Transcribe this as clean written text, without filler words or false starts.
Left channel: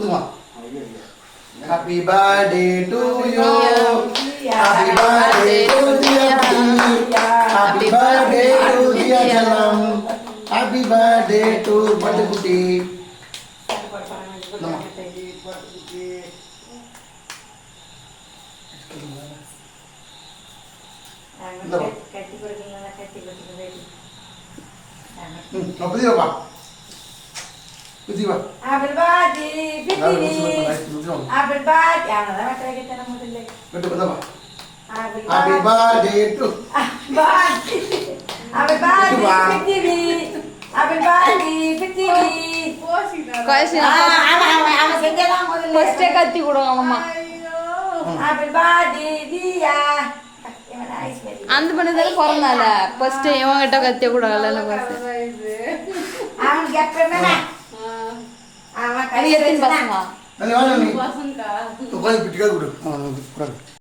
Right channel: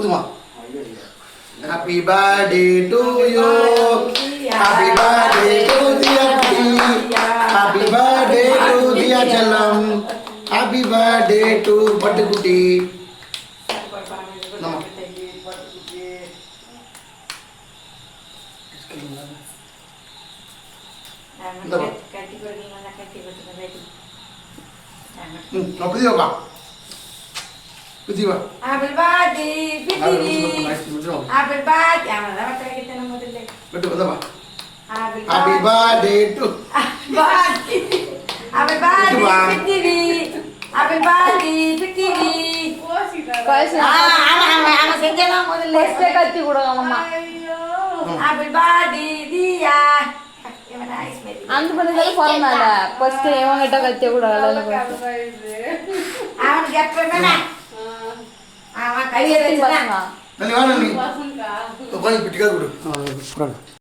ஊதுமா. Happy birthday to you. Happy birthday to dear Kutti. Happy birthday to dear Jalam. Happy birthday to Patti Kutti. Nama. Apa dia pak? Kutti pak. Happy birthday, happy birthday. Mana kita nama tu? Betul betul pak. Happy birthday to. Happy birthday, happy birthday, Kasih. Ama senja lah model. First katti kuda kalama. Happy birthday dia. அந்த பண்ணதெல்லாம் பரவாயில்ல. First இவங்கிட்ட கத்தி கூட வரல. அவன் ஜப்பமேனா. அவன் கையில பசங்க. Nani mana ni? Pasukan. Kau kau pitikal kudu. Ah, pasukan.